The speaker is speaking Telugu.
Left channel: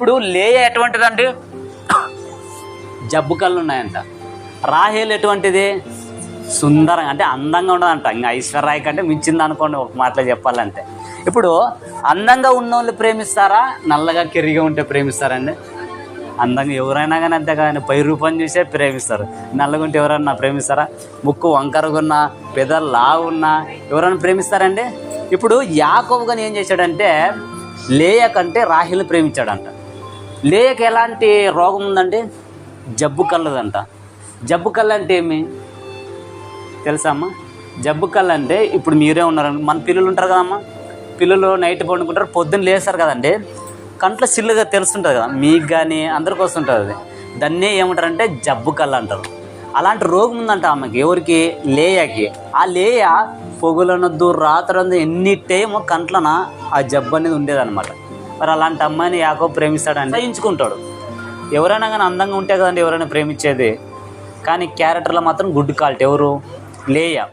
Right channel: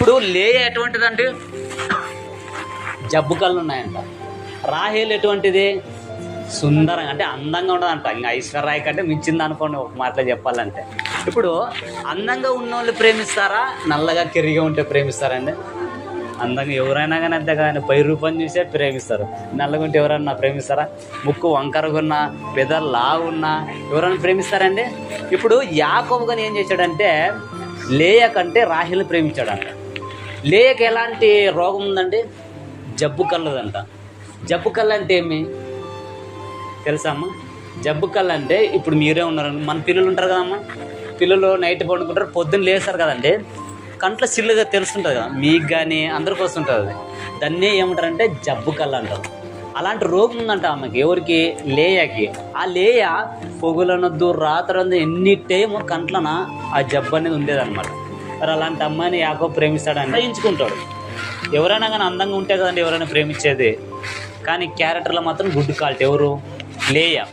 ఇప్పుడు లేయ ఎటువంటిదంటే జబ్బు కళ్ళు ఉన్నాయంట. రాహేలు ఎటువంటిది? సుందరంగా అంటే అందంగా ఉండదంట. ఇంకా ఐశ్వర్యాయ్ కంటే మించింది అనుకోండి ఒక మాటలో చెప్పాలంటే. ఇప్పుడు అందంగా ఉన్న వాళ్ళు ప్రేమిస్తారా? నల్లగా కెరిగా ఉంటే ప్రేమిస్తారండి. అందంగా ఎవరైనా కానీ అంతే కానీ పై రూపం చూసే ప్రేమిస్తారు. నల్లగా ఉంటే ఎవరన్నా ప్రేమిస్తారా? ముక్కు వంకరగా పెదలు లావు ఉన్నా ఎవరైనా ప్రేమిస్తారండి? ఇప్పుడు యాకోబు కానీ ఏం చేశాడంటే లేయ కంటే రాహిల్ని ప్రేమించాడంట. లేయకు ఎలాంటి రోగం ఉందండి జబ్బు కళ్ళదంట. జబ్బు కళ్ళు అంటే ఏమి తెలుసామ్మా జబ్బు కళ్ళు అంటే ఇప్పుడు మీరే ఉన్నారండి మన పిల్లలు ఉంటారు కదమ్మా పిల్లలు నైట్ పండుకుంటారు పొద్దున్న లేస్తారు కదండి. కంట్లో సిల్లుగా తెలుస్తుంటుంది కదా. మీకు కానీ అందరికి వస్తుంటుంది అది దాన్ని ఏమంటారంటే జబ్బు కళ్ళు అంటారు. అలాంటి రోగం ఉందంట ఆమెకి ఎవరికి? లేయకి. ఆ లేయ పొగులనొద్దు రాత్రందు ఎన్ని టైం కంట్లన ఆ జబ్బు అనేది ఉండేదన్నమాట. మరి అలాంటి అమ్మాయిని యాకో ప్రేమిస్తాడని. సహించుకుంటాడు. ఎవరైనా కానీ అందంగా ఉంటే కదండి ఎవరైనా ప్రేమించేది. కానీ క్యారెక్టర్లో మాత్రం గుడ్ కాల్ట్ ఎవరు? లేయ?